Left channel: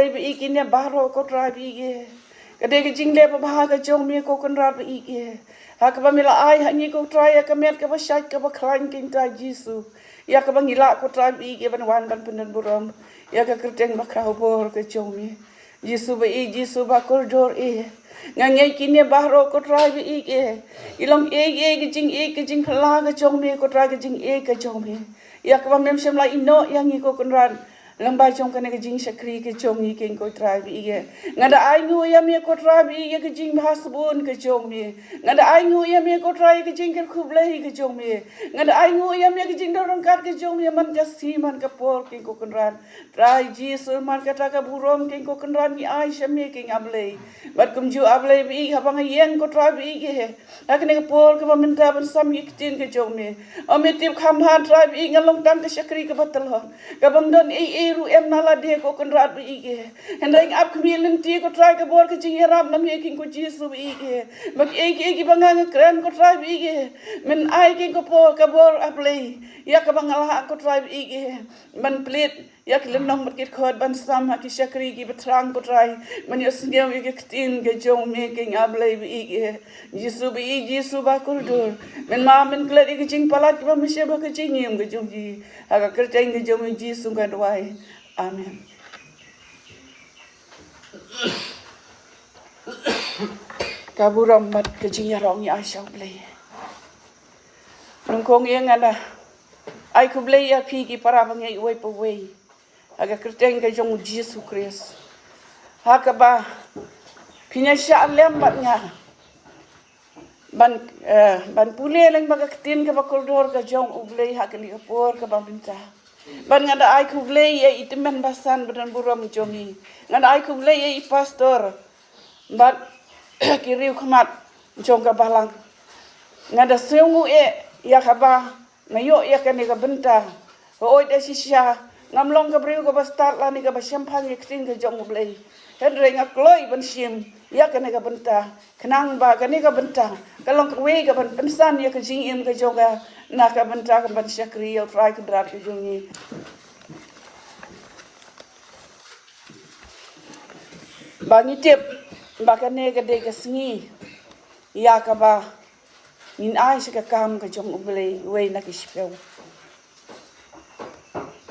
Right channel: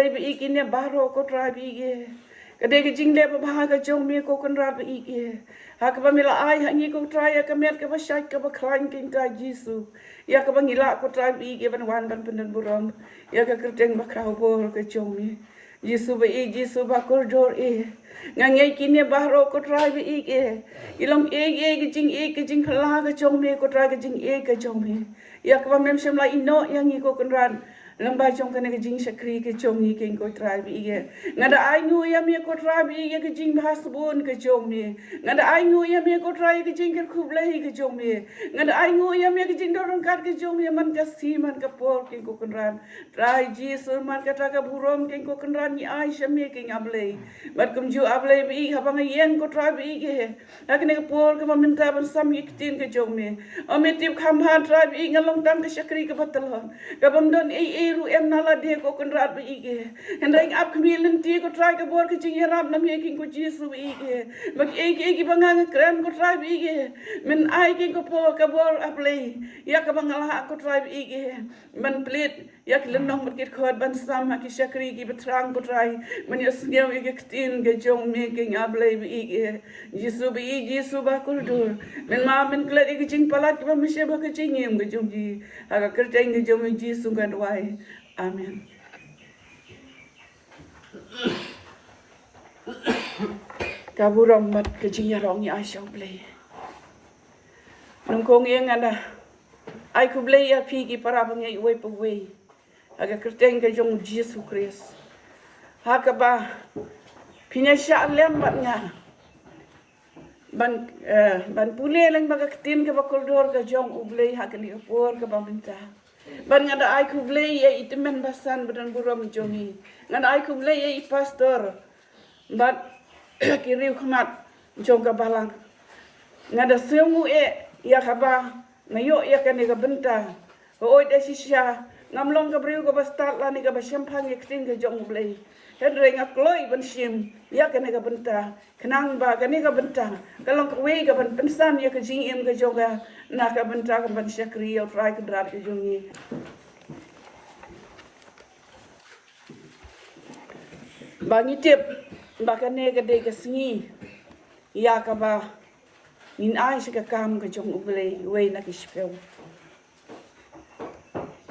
Ikinnya baro ko trabi ge. Kade ke jingle pa baha ka jong mi ko kan rab ike. Ha ka ba mila ai ha ni ko try ka met ka ba shak ka ba kran kin ta Jisu. Ya ka ba ngila ko trabi ge ban wan ban penen buram. Ya ka kerteng ba ka bor ka jong mi. Jisu ba ko dor e. Ngangai kinnya baro ko trabi ike. Ilam ke jing pala ka jong mi ko try ka jing ka jong mi. Ya ka ba mem sham la ino yang ni ko kan ran. Lambai chong kana jing shakri ke chong mi ken ko tribe ige ngada ai nu ya mi ko tribe ige ke jing bahasbun ke chong mi ngada ai nu ya mi ko tribe ke jing ke khublei ke chong mi ngada ai nu ya mi ke jing dorong kat ke chong mi man jasi man ka por ken ko kunran trai Jisu man ka ta ka burom ken ko kunran ni ai shami ken ablei bat kum ju ablei bi ha bang yen ko tribe ige akne ke por ke minta ban sam ik tin ke chong mi amitip kham ha tribe ige ngalong tang ke shakri ke batal ha ka bang don ru em nala dia ko kan rat bi ige hendai ap kemilin ti ko try ka bor ke jing rap nam ye king ko Jisu bi ige mak ege bangang kren ko try bi ige men ai king ko po ka bor ap lei ya ka bangala ko try bi ige man plit ya ke lenong market khod ban sam ha ki shakri ki betrang ko try man yes ngem ige ktin ke jong me king ap lei bi ige Jisu ba ko dur men ma men kle ige jing palat ba meshe ba ke jing ngem ke jong ji aga kerja ngi jom Jisu kan wai amen kaburam mat ke jing yarong ya shang play nung kong yang ala ai ku play ya pi ki para bangai wai pa wai aga kerja ngi jom Jisu Christ haka ba pinya sha lem bat nga ban pule lang baga tin ka bakuldor ka jong ublei ha kali por ka bambinta ban ngada ai kublei ye itimen basan badan buram jomi ngada ai kublei ye pastor bat kiriu khamat jong ka balang ngada seungu ya khaba ngayo ya kani ka benta oi da sisya ngamlong ka briu ka bastat la ni ka basyampang ye tin ka jong ublei Hendreng akloi ban sim ya kane ka benta kenang ba kane ka benta kalong kwe ka ban pensan ya ka jing em ka joga na ka benta ka ban shakri ya try ka drat jungi bangi tip ba kane ka de ka singi ya ka ba min ai ka kam ka jong uble we na ki spel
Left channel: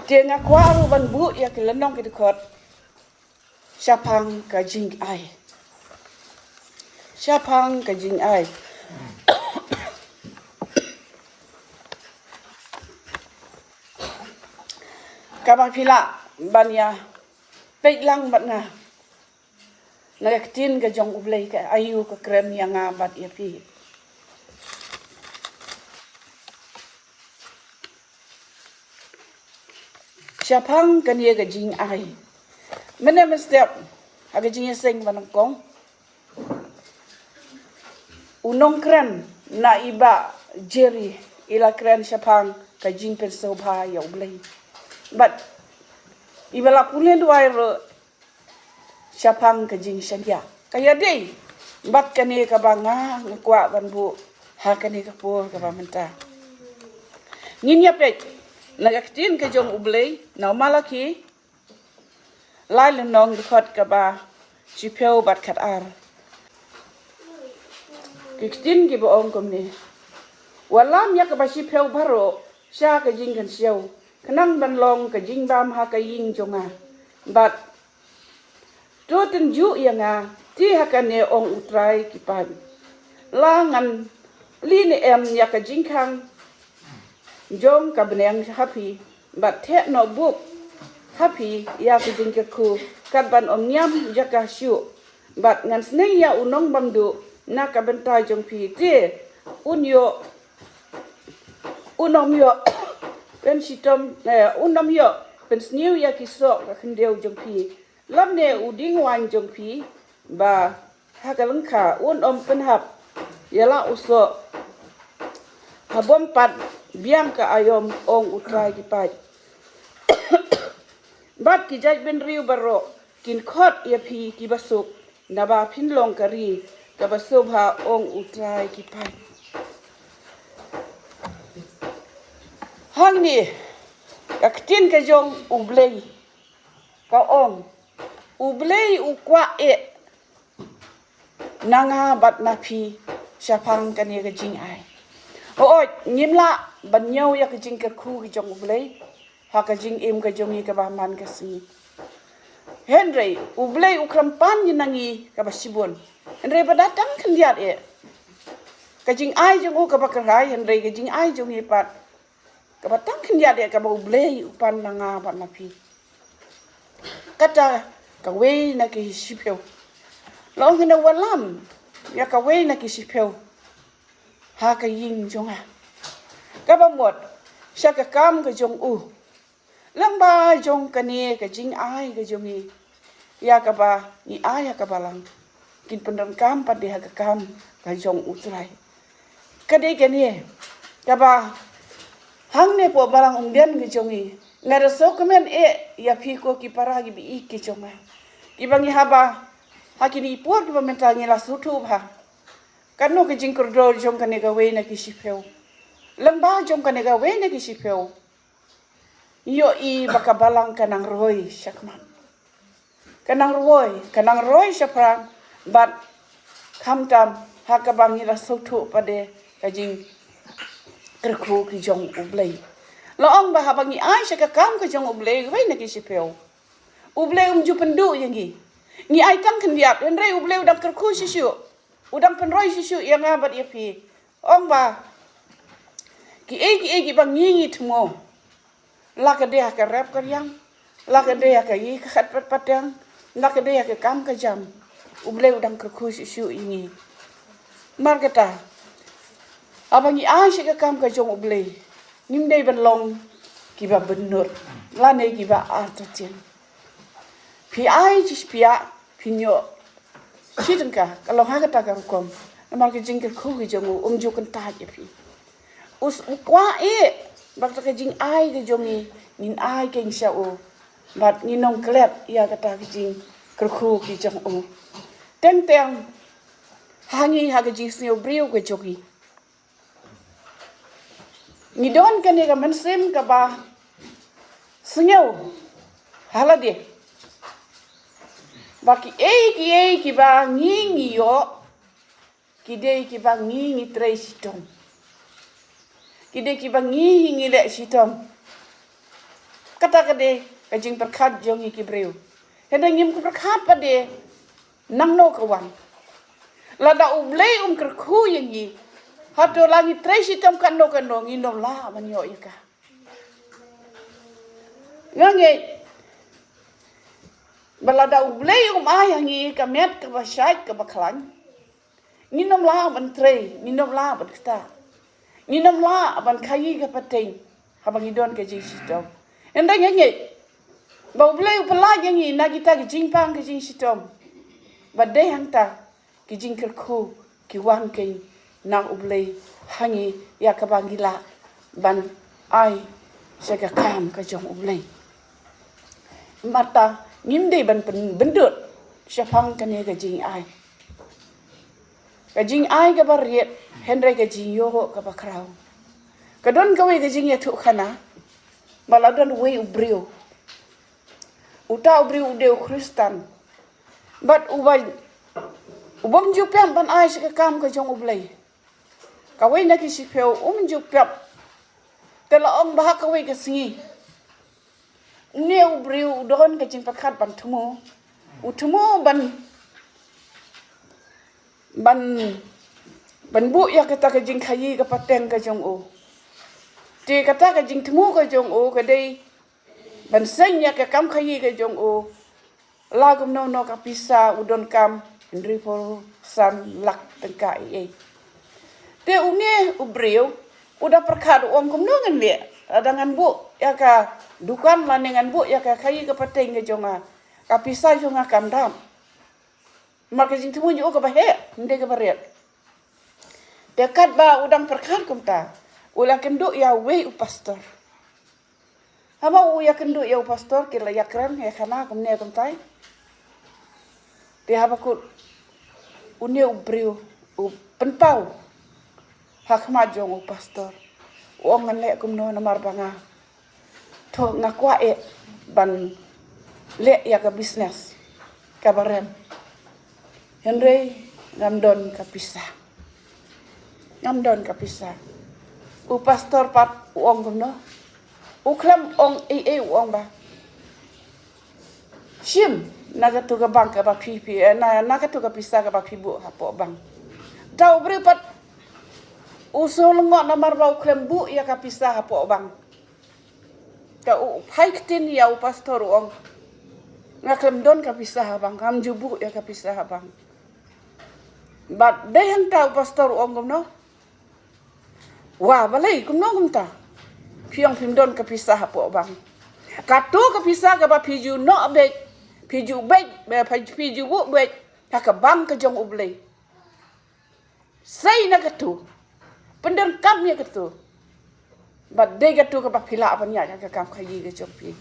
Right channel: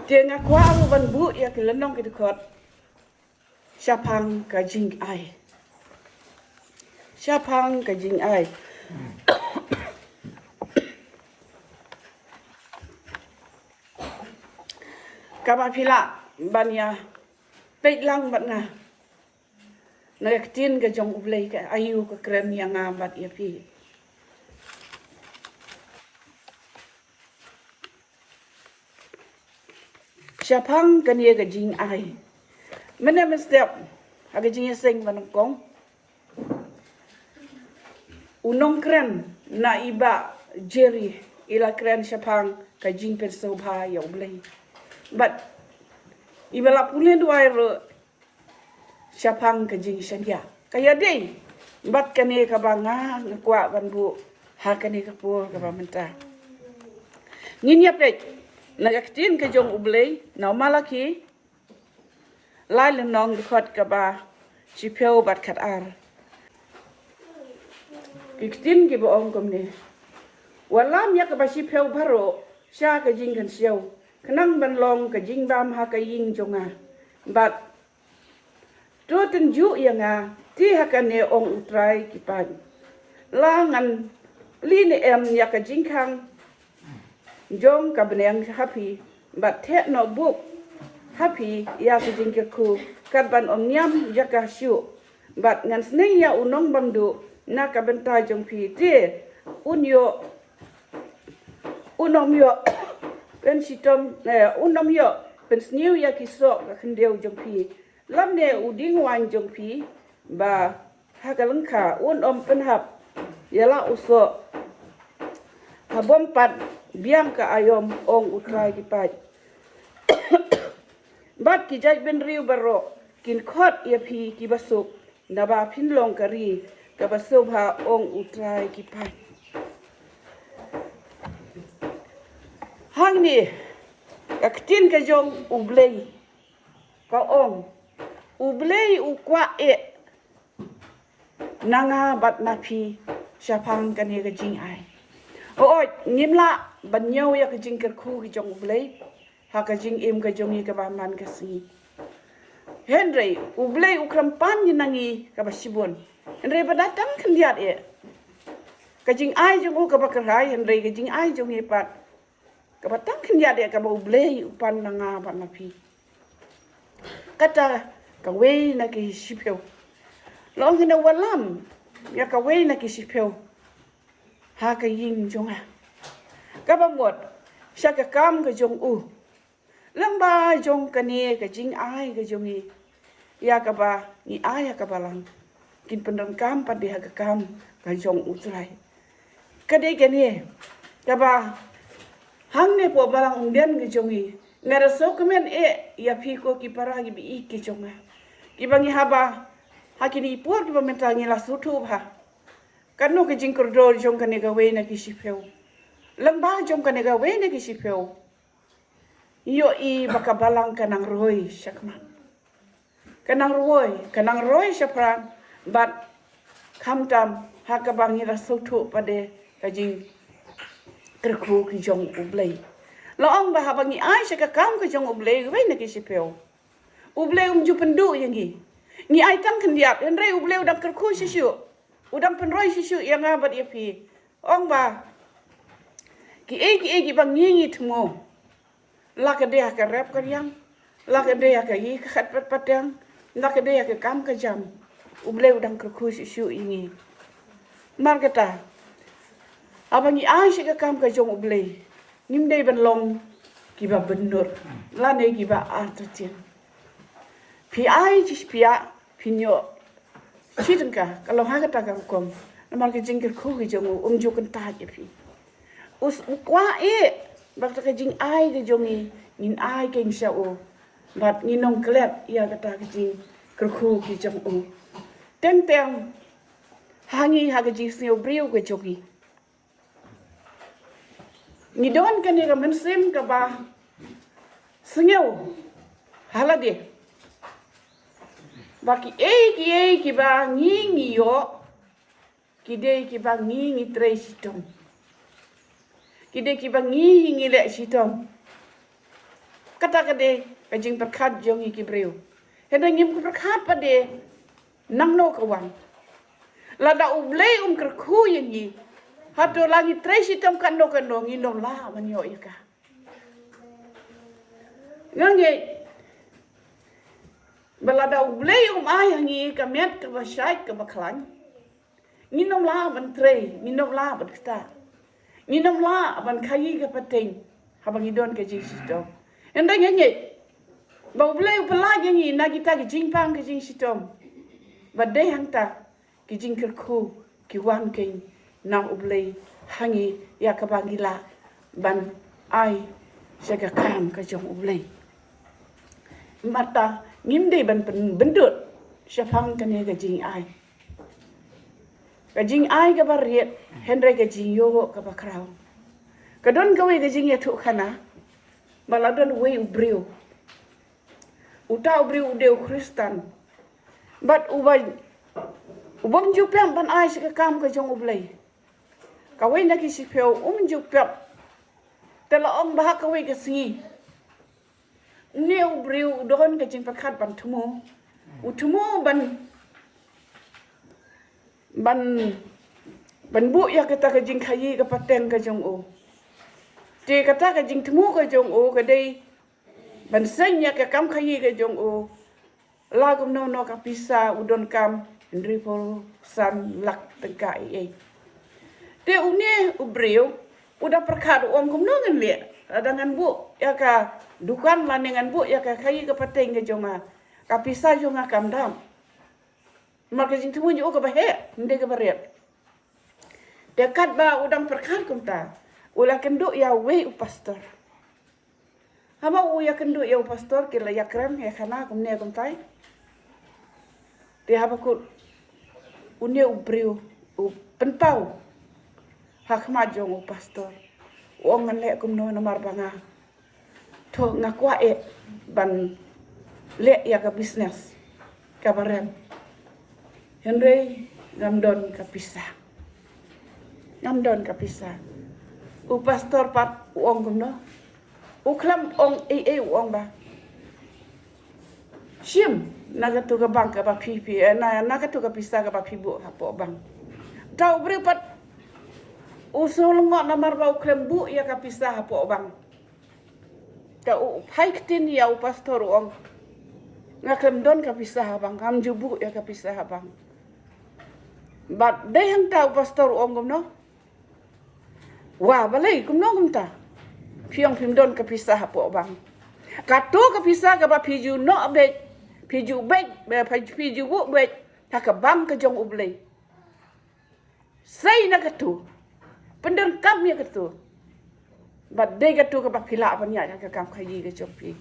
tienga kwa ban bu ya ka lenong ki khot Siapang ka jing ai. Siapang ka jing ai. Kabang pila banya pek lang bat nga. Nagaktin ka jong ublay ka ayu ka krem yang amat ya pi. Siapang ka niya ka jing ai. Mana mestiap aga jing sing manangkong unong kran na iba jeri ila kran siapang ka jing pensobha ya ublay but iba la pule duai ro siapang ka jing sangya kaya dei bat kani ka banga ngkwa banbu ha kani ka por ka bamenta nginya pek nagaktin ka jong ublay na malaki lai lenong khot ka ba chipeu bat khat ar kitin ki bo ong kom ni walam ya ka ba chipeu baro sha ka jing kan siau kanang ban long ka jing bam ha ka ying jonga bat to ten ju yanga ti ha ka ne ong utrai ki pan la ngan li ne em ya ka jing khang jom ka bneng happy bat the no book happy ya ka jing ku kat ban om nyam ya ka shu bat ngan snei ya unong bangdu na ka bentai jong pi te unom yo pen sitom unom yo pen sniu ya ki so ka khendeu jong pi lam ne uding wan jong pi ba ha ka langkha om pen hap yala uso habom pat biang ka ayom ong utrai ki pai bat ki jai ben riu baro kin khot ya phi ki basuk na ba phin long kari ka basubha ong utrai ki pai hang ni aktin ka jong ublei ka ong Ublei ukwa nanga bat napi syapang kan ya jing ai. Ngimla banyaw ya jing kerku ki jong ublei. Ha ka jing im ka jongi ka baman ka sini. Henry ublei ukrampan yinangi ka basibon. Henry badatang kan liat ka jing ai jong ka bakarai Henry ka jing ai jong ipat. Ka batang kan liat ka ba ublei upan nanga bat napi. Kata ka wei na ki sipeu. Lo ngina walam ya ka wei na ki sipeu. Ha ka yin jonga. Ka ba mot sya ka kam ka jong lang ba jong ka ni ka jing ai ka jongi. Ya ka ba ni ai ya ka balang. Kin pendam kam pa di ha ka kam ka jong utrai. Ka dei ka ni ka ba hang ne po balang unggen ka jongi. Ngara so kemen ya piko ki paragi bi iki jonga. Ibangi haba hakini puar ki mentangi la sutu ha. Kanu ki jing kordo jong kane ga we na ki sipeu. Lamba jong kane ga we na ki sipeu. Yo baka balang kanang roy syakman. Kanang roy syapran bat kamtam hakabangi la sutu pade ka jing kerku ki jong ublei. Loong bah bangi ai syaka kam ka jong ublei we na ki sipeu. Ublei ju pendu yangi. Ni ai kang kendiap Henry ublei udam kerku sisu. Udam penroy sisu yang abat ya pi. Ong ba ki bang ngi tmo. La ka dia ka rap ka yang. La ka dia ka yi ka khat pat patang. La ka dia ka kam ka jam. Ublei udam kerku sisu ini. Margata. Abangi ai syaka kam ka jong ublei. Nimdei ban long ki ba benur. La ne ki ba artatin. Pi ai jis pia pinyo sidengka kalau ha kata ka kom namal ke jingker khu ki jongu jo kan ta je pi us kwa bak ta ke jing ai ke jongi nin ai ke insya bat ni nong klet ya kata ke jing kerku ki jongu teng hangi ha ke jing sio brio ke jogi ni don kan ni ka mensem ka ba senyau halage Baki ki ba ngi yo ki dei ki ba ngi tre sitom ki dei ki ba ngi le sitom kata ka de ka jing perkhat jong ki breu heda ngim ko perkhat pa de nang no ka wan la da ublei kerku yangi hato lagi tre sitom kan no ngi no la man yo ika ngange balada ublei ayangi ka met ka basyait ka baklan nginom la ban tre nginom la ban kta nginom la ban khayi ka pateng habang idon ka jisitom endang ngi ba ublei pala yangi na kita ki jingpang ka jisitom badai hanta ki jingkerku ki wan ke na ublei hangi ya ka bangila ban ai sega kam ka jong ublei mata ngimdei ban bendut syapang kane ga jing ai ka bariet Henry ga jing yo ka bakrau ka don ka we ga jing ya tu khana baladon we ubrio uta ubrio de kristan but ubang ju pem ban ai ka kam ka jong ublei ka we na ki sipeu ju pem tela om bah ka we ka singi Neu briu don ka jing pakhat ban thumo uthumo ban bu ya kata ka jing khayi ka pateng ka jong te kata ka jing thumo ka jong ka dei ban sen ya ka kam khayi ka jong la gum no ka pisa udon kam ndri po san lak tengka te ubriu udah perkhat kum no ngan le adangan bu ya ka dukan lanengan bu ya ka khayi ka pateng ka jonga ka pisa jonga kam dam mar ka jing thumo jo ka ba he nde ka bariet dekat ba udang perkhat kum ta ulah kendo ya we pastor haba ya kendo ya pastor ke la yakrem he khana kum ne kum tai te haba ku unie ubriu penpau hakma jong pastor ngan le kum no na mar banga to ngakwa ban le ya ka business kabaran. Henry ngamdon kapisah. Ngamdon kapisah. U pastor pat uong gumno. U klam ong uong ba. Sim naga tu ka bang ka ba pipi naga tu ka pisah ka ba pibu hapo bang. Tau beripat usul ngok namar bau klam bu ya ka pisah hapo bang. Ka u paiktin ya u pastor uong. Ngaklam don ka pisah bang, kam jubu ya ka pisah bang. But day hang tau pastor uong gumno. Wah balai gumno gumta. Piang pimdon ka pisah hapo bang. Katu ka pisah ka ba piju no bek. Piju baik, piju bu baik, tak bang ke jong ublay. Say na katu, pendon kam ya katu. But day katu ke bapila apa niya ke kam kayi ke jong pi.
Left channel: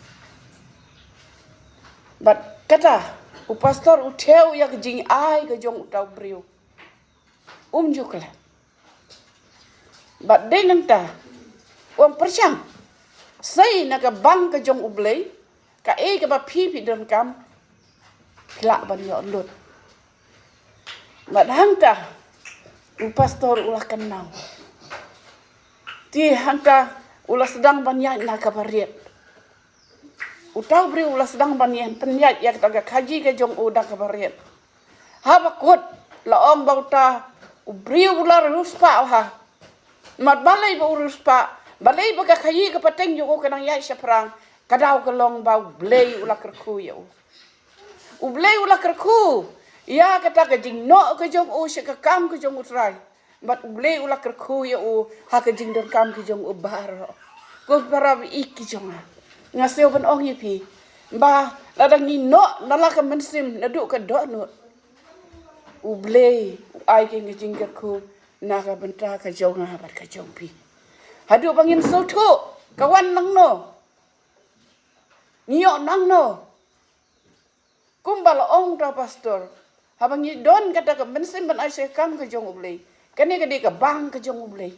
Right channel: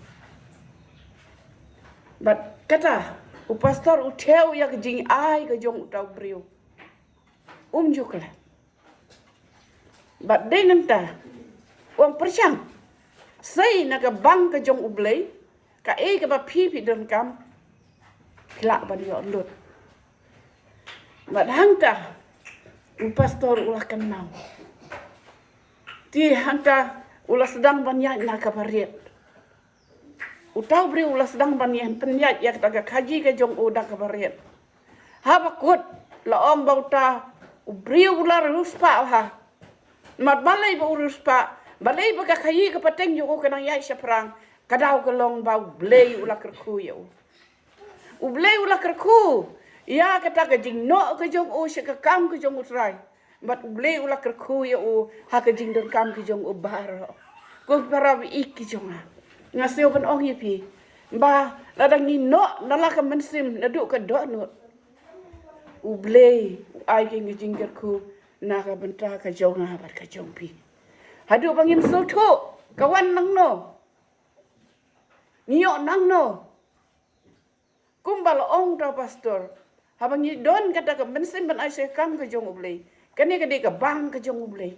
But kata, u pastor u teu ya ke jing ai ke jong tau brio. Jukla. But day nanta, percang. Say na ke bang ke jong ublay, ka ke bapi don kam. Lak ban yo lut. Madangka u pastor ulah kenal. Ti hangka ulah sedang banyak nak kabariat. U tahu beri ulah sedang banyak penyat ya kata kaji ke jong udah kabariat. Ha bakut la om bauta u beri ulah ruspa ha. Mat balai ba ruspa, balai ba kaji ke pateng yo kenang yai seperang. Kadau kelong bau blei ulah kerku ya. Ublay ulah kerku. Ya kata ke jing no ke jong se ke kam ke jong utrai. But ublay ulah kerku ya ha ke jing don kam ke jong bar. Ko para iki jong. Ngasih ban ong pi. Ba ladang ni no nala ke mensim naduk ke do no. Ublay ai ke jing kerku na ka benta ke jong bat ke jong pi. Hadu bangin so tu kawan nang no. Nyo nang no. Kumbal ong ta pastor. Habang ni don kata ke mensim ban ai se kam ke jong ublay. Kani ke di ke bang ke jong ublay.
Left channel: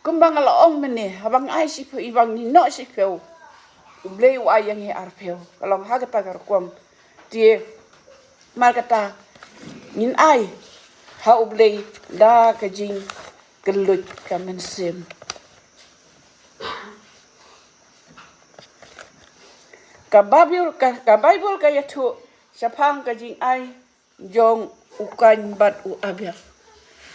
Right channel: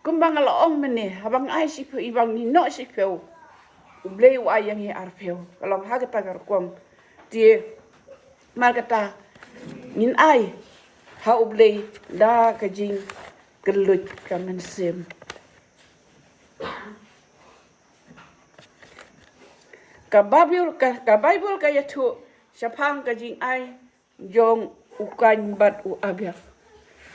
Kumbang ala ong mene habang ai si pu ibang ni no si pu. Ublay wa yang ye arpeu. Kalau ha kata gar kom die mar kata nin ai ha ublay da ke jing gelut ke mensim. Ka Bible ka yatu sapang ka jing ai jong ukan bat u abya.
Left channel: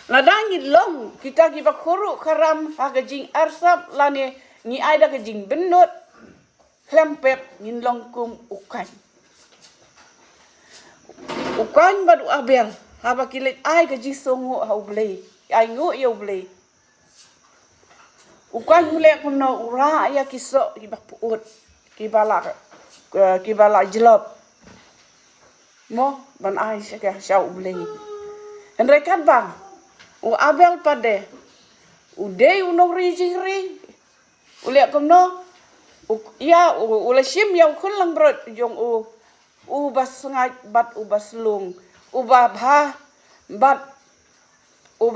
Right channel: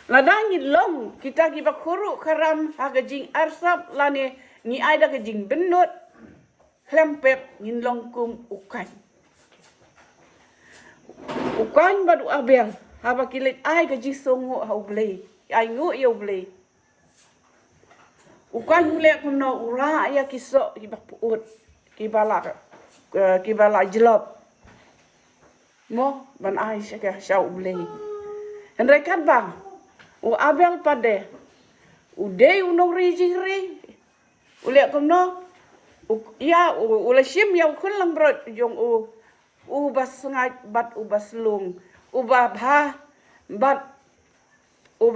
Ladangin long kita giba kuru karam ha ka jing arsap lane ni ai da ka jing benut klempep nin long kum ukan. Ukan bat u abya ha ba kilit ai ka jing songu ha ublay. Ai ngu ya ublay. Ukan mulai kuno ura ya kisok giba puut kibala jelop mo ban ai sya syau ublay. Henry kan bang u abel pade u dei u no ri u le komno ya u le sim ya kun lang brot jong u bas ngai bat u bas lung u ba bha bat u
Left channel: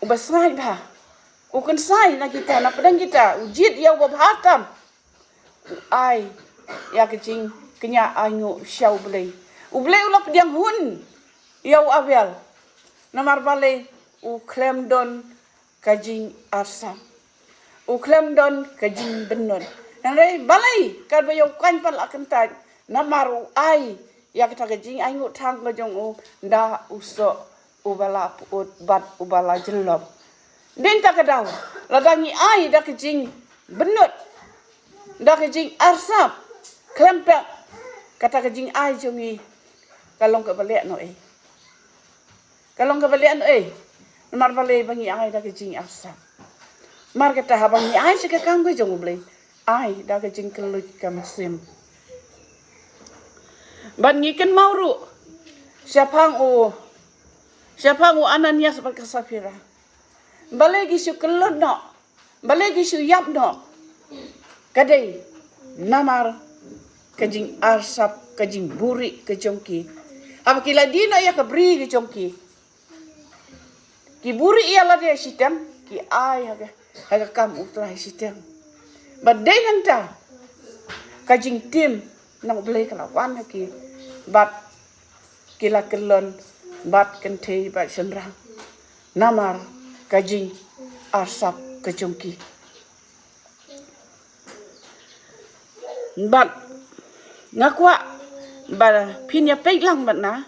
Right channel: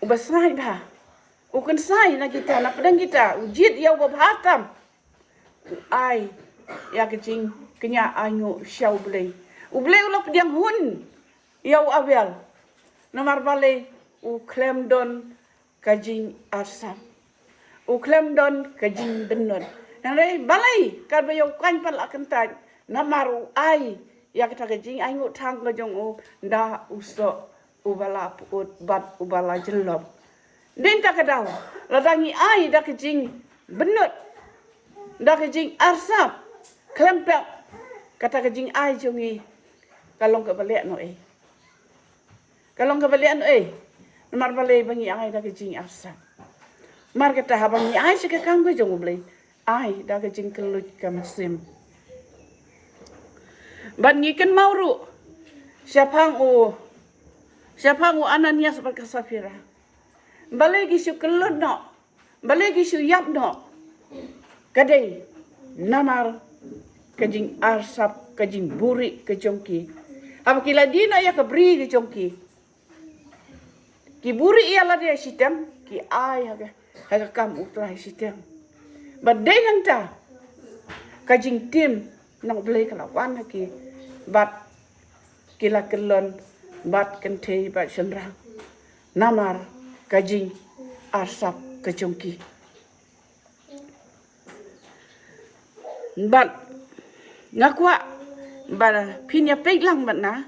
bas ngai bha u kun sai na kita na pedang kita u jit ya u bhatam ai ya kecing kenya anyu syau ublay ulah pediang hun yau abel namar bale u klem don kajing arsam u klem don kajing benon nang balai kar bayo kan pal akan tan namar u ai ya kita kajing anyu thang ngajong u nda uso ubala put bat ubala jelop den tak kadau ladangi ai da kajing benot dah kejing arsap klempek kata kejing ai jongi kalong ke balik no kalong ke balik no mar balai bangi ai dah kejing arsap mar kata habang ni ai sike kang ke jong blai ai dah kejing kelut ke mesim ban ngiken mauru siapang u Ananias berkasafira balai gisu kelut no balai gisu yap no kadai namar kajing arsap kajing buri ke jongki apa kila dina ya kabri ke jongki ki buri ia la dia sitem ki ai haga kam utra sitem badai hanta kajing tim nang ublei kala wan ki bat kila kelon bat kente bat senrang namar kajing arsap kejongki bat ngakwa ba pinya peilang bat na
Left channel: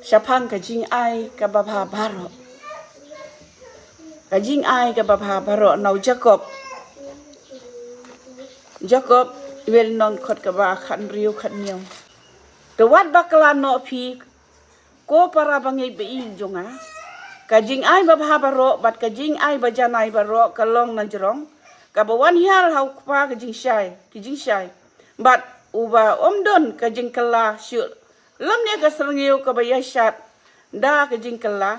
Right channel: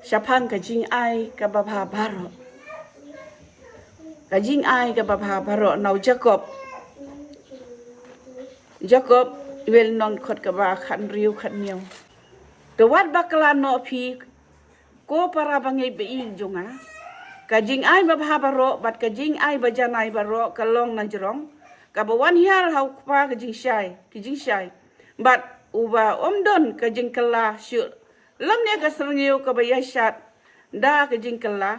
sapang kajing ai ka babha baro kajing ai ka babha baro nau Jacob wel non khot ka ba khan riu khan niu to wat bakla no phi ko para bangai be in jonga kajing ai babha baro bat kajing ai bajanai baro kalong na jrong ka bawan hiar hau pa kajing shai bat uba omdon kajing kala shu lam ne ka srngiu ka ba yashat da kajing kala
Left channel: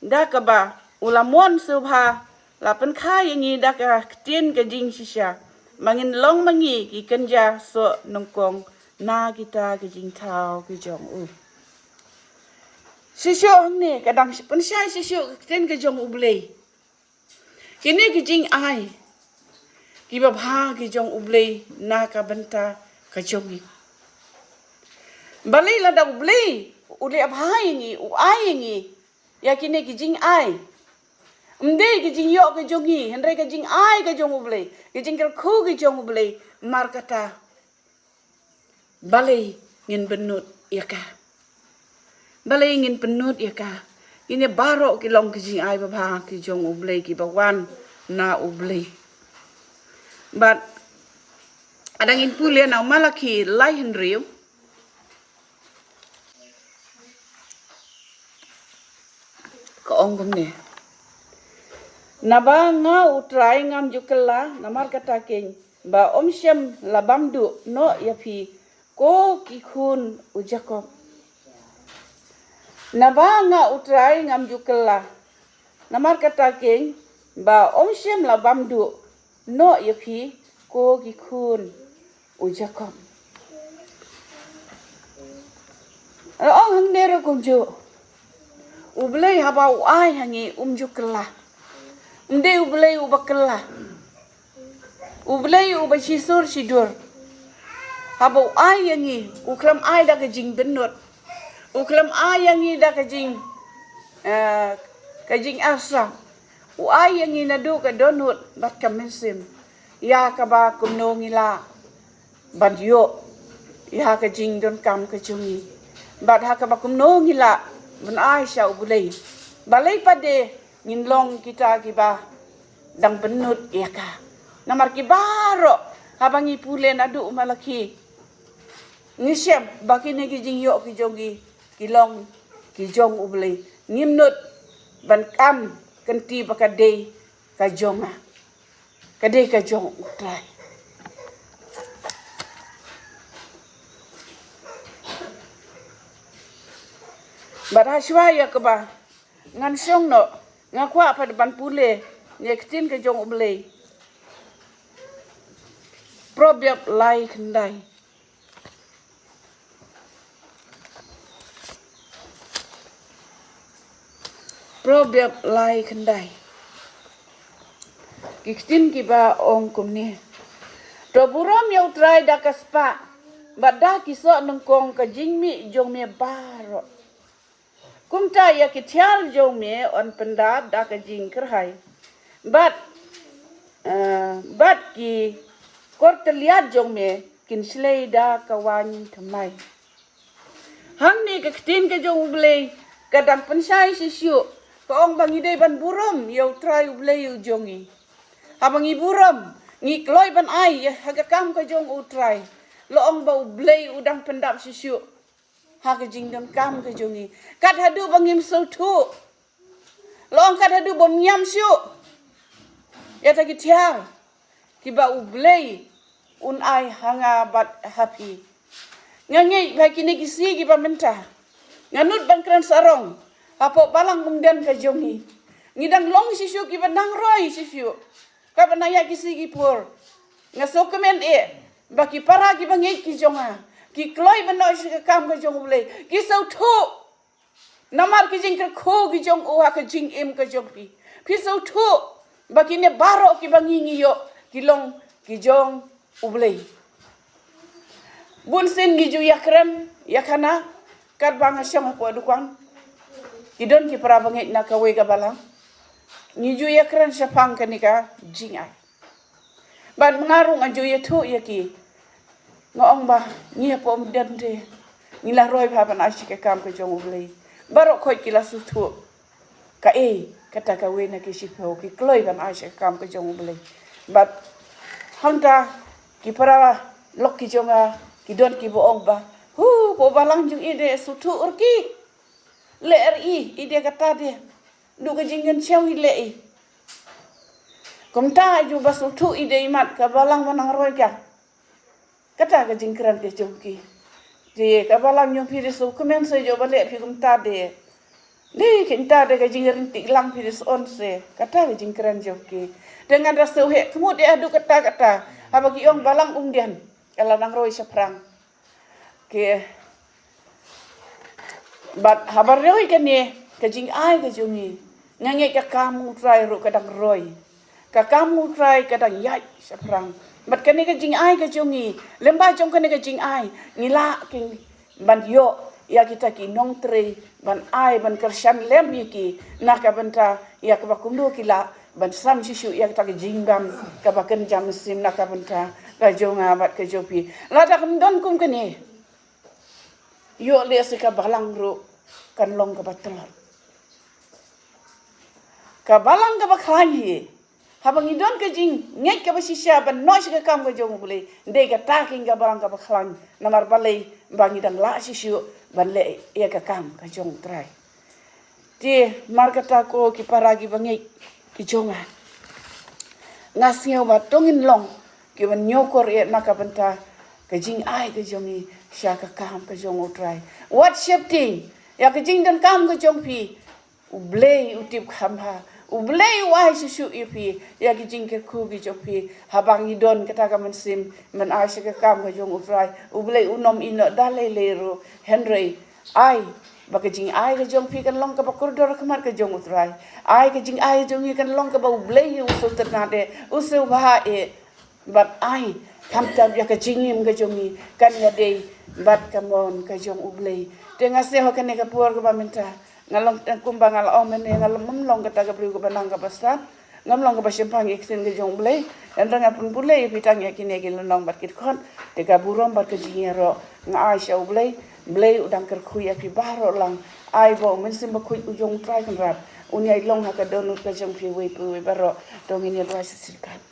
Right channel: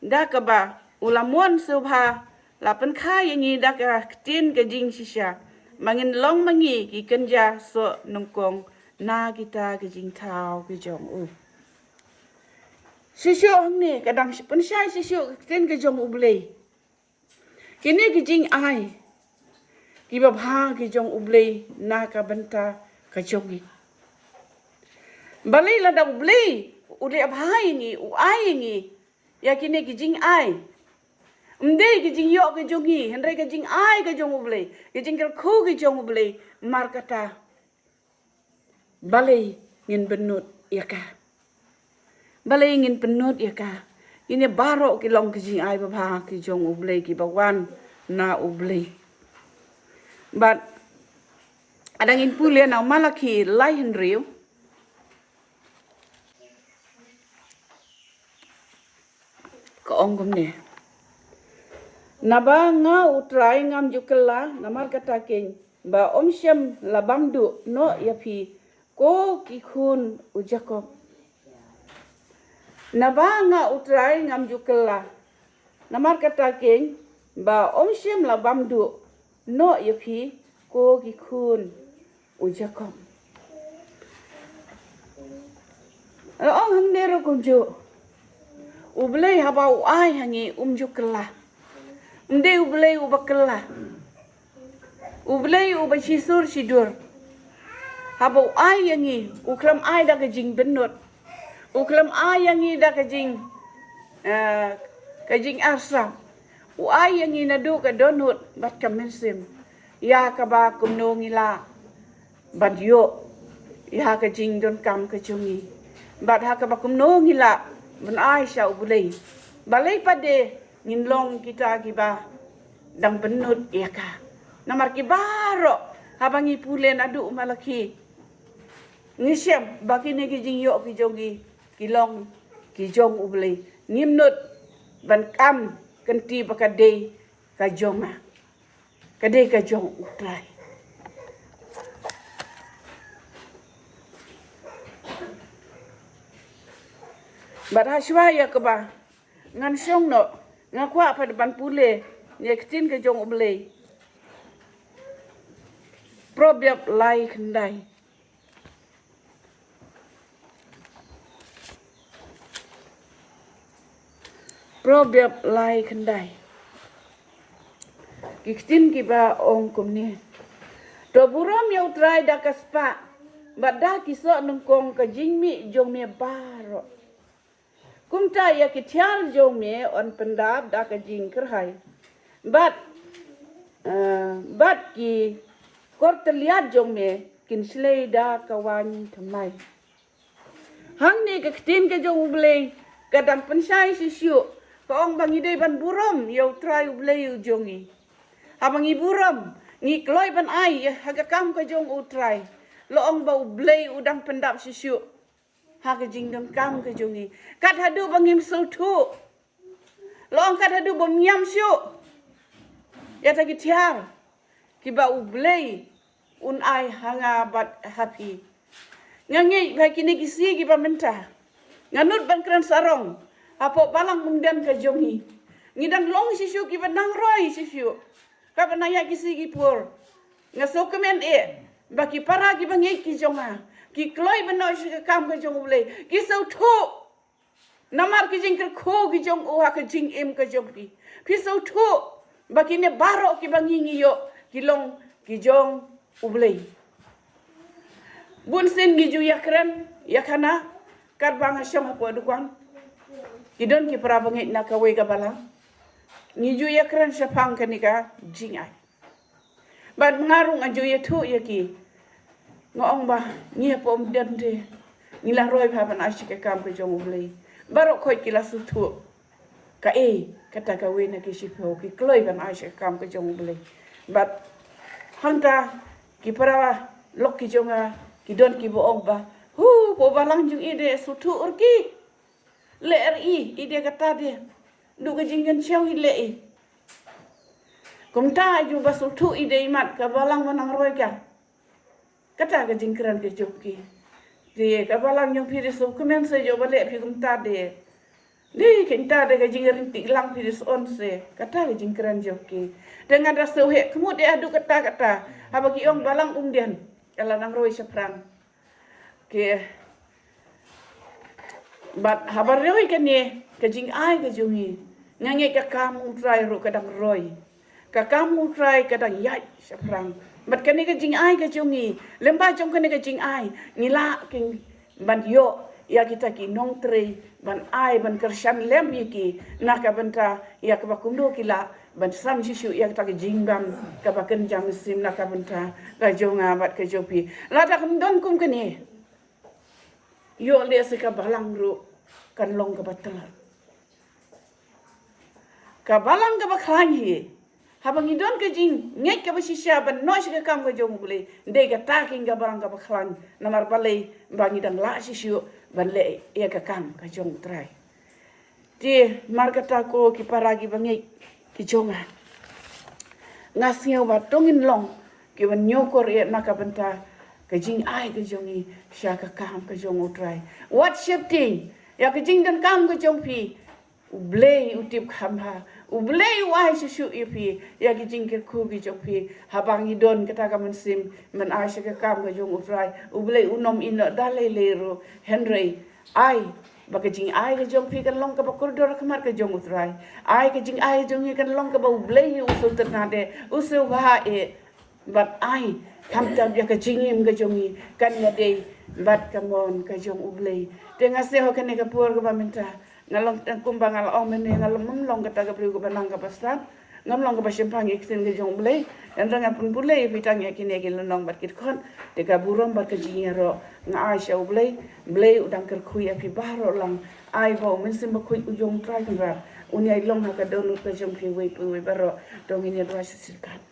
da ka ba ulamon subha la pen khai ni da ka tin kajing shisha mangin long mangi ki kenja so nongkong na kita kajing thao ki jong u shisho ne kadang pen shai shisho tin ka jong ublei kini kajing ai ki ba bha ki jong ublei na ka banta ka jongi balai la da ublei ule abhai ni u ai ni ya kini kajing ai Mde kijing yo ke jongi, hendrai kijing ai ke jong ublei, kijing kel khu ke jong ublei, mar kata balai ngin benut yaka, balai ngin benut yaka, ini baro ke long kijing ai babha ke jong ublei ki bawan na ublei, but ada ngin pulia na malaki lai hendriu, ke onggom ne. Naba nga utrai ngam jukela namar kata king ba omshem labamdu no yapi ko kikhun ujako naba nga utrai ngam jukela namar kata king ba omshem labamdu no yapi ko kikhun ujako ong hamnero kunju ublei habau ai hangi jukela Mde ublei ubakela, ublei ubasisur sidur. Habo ai yangi, uklam ai da kajing benut, uklam ai yangi da kajing asam, ai yangi nadu ka donut bat kamensim, ya kaba kumno ngila, bat yo, ya kajing don kam kajungi, bat hakaba kumno ngila, ban ai sya ublei, balai pade. Nginlong kita kiba dang benut yaka namar kibaro habangi pule nadu malaki ngisyam bakine kijing yo kijongi kilong kijong ublei nimnut ban kam kenti bakade kajonga kade kajong utrai barashwa yakba ngan syong no ngakwa pada ban pule nyekin ke jong ublei probiap lai kendai probiap lai kendai kikin kiba ong kumni to buram yau trai da kaspa badda kiso nungkong ka jingmi jong me baro kumta ya kitiar jong me on pendat da ka jing kerhai but ki korteliat jong me kin slei da ka wan thamnai hang ni ka tin ka jong ublei kadam pensai sisiu ka ong bangi dei ban buram yau trai ublei jongi habangi buram ngi kloi ban ai haga kam ka jong utrai lo ong ba ublei udang pendap sisiu haga jingdam kam ka jongi kat hadu bangim sautu lo ong kat hadu bom nyam siu ya ta kitiar kiba ublei un ai hanga bat happy ngangi ba kini kisi kiba menta nganut bangkran sarong apo balang mungdan ka jongi ngidang long sisiu kiba nang roi sisiu ka banaya kisi kipur ngaso kemen baki para kiba ngi ki jonga ki kloi bano kam ka jong ublei ki sautu namar ki jing ko ki jong o ka jing em ka jong ki sautu baki ne baro ki bangi yo ki long ki jong ublei bun sin ngiju yakrem yakana kat bang syama po dukan idon ki para bangit na kawe ka balang ngiju yakrem syapang kanika jingai ban mengarung aju yetu yaki ngong ba ni po mden de ni la roi pa ban ashi ke kam ke jong ulei barok khoi kila sutu ka kata ka we na ki sipo ki kloi ban ashi kam ke jong ulei bat hangta ki para lok ki jonga ki don ki bo ba po balang jung ide sutu urki le ide kata dia du ka jingen chang le kumta ju ba sutu ide imat ka balang manang roi ka kata ka jingkran ke chauki je ka balang yung piri so kumen se jo bale pi kumta de kinta de ka jingrin ti lang piri on se kata ka jingkran joki dengan rasa he kemud dia adu kata habagi ong balang dian kala nang roi seprang ke bat habar roi kan ni ka jing ai ka jungi ngange ka kamu try ro kadang roi ka kamu try kadang yai seprang bat kani ka jing ai ka jungi lemba jong kani ka jing ai ngila king ban yo ya kita ki nong tre ban ai ban kersan lem ki naka banta ya ka bakundo kila ban sam sisu ya kita ki jinggam ka baken jam sin naka banta ka jonga bat ka jopi la ta kum don kum kani yo le ka balang ro kan long ka batal ka balang ka bakhani habang idon ka jing nget ka basisya ban nois ka kam ka jong bule de ka taking ka balang ka bakhlan namar balai bangi dan la sisu ban le ya ka kam ka jong trai ti mar kata ko ki paragi bangi ki jonga nasio ba tongin long ki ban nyokor e maka benta ka jing ai ka jongi sya ka kam ka jong trai what shifting ya ka jing dan kam ka jong pi ublei utip khamha ublei wai susu ipi ya ki jing ke ku ki jopi habang idon kata ka mensim men ai se ka kam ka jong utrai ublei unom ino dalai lero henry ai baka jing ai ka jong pi kan long ka bakur dor kamar ka jong utrai ai ka jing ai jong kan long ka ba ublei usul ternade usul ba bat ai kam tab ya ka jingim ka jongi kan wade bat kamon ka jong ublei tenga se ho kan ka por ka ba minta ngalong kumbang ala om ne ngalom long ka taga priu ka banang ka basta ngamlong ka basimpang iksen ka jong ublei dan tanga pun bulei pitang ya kini ke long bat kit kon te ka burom bat ka jingero nga ai sha ublei blei udang ker khuya ki baro lang ai bo men sim ba khui ujong trai kan rat unyai long ha ka don ka jong ki we pu we baro dongin ya ba sisilkan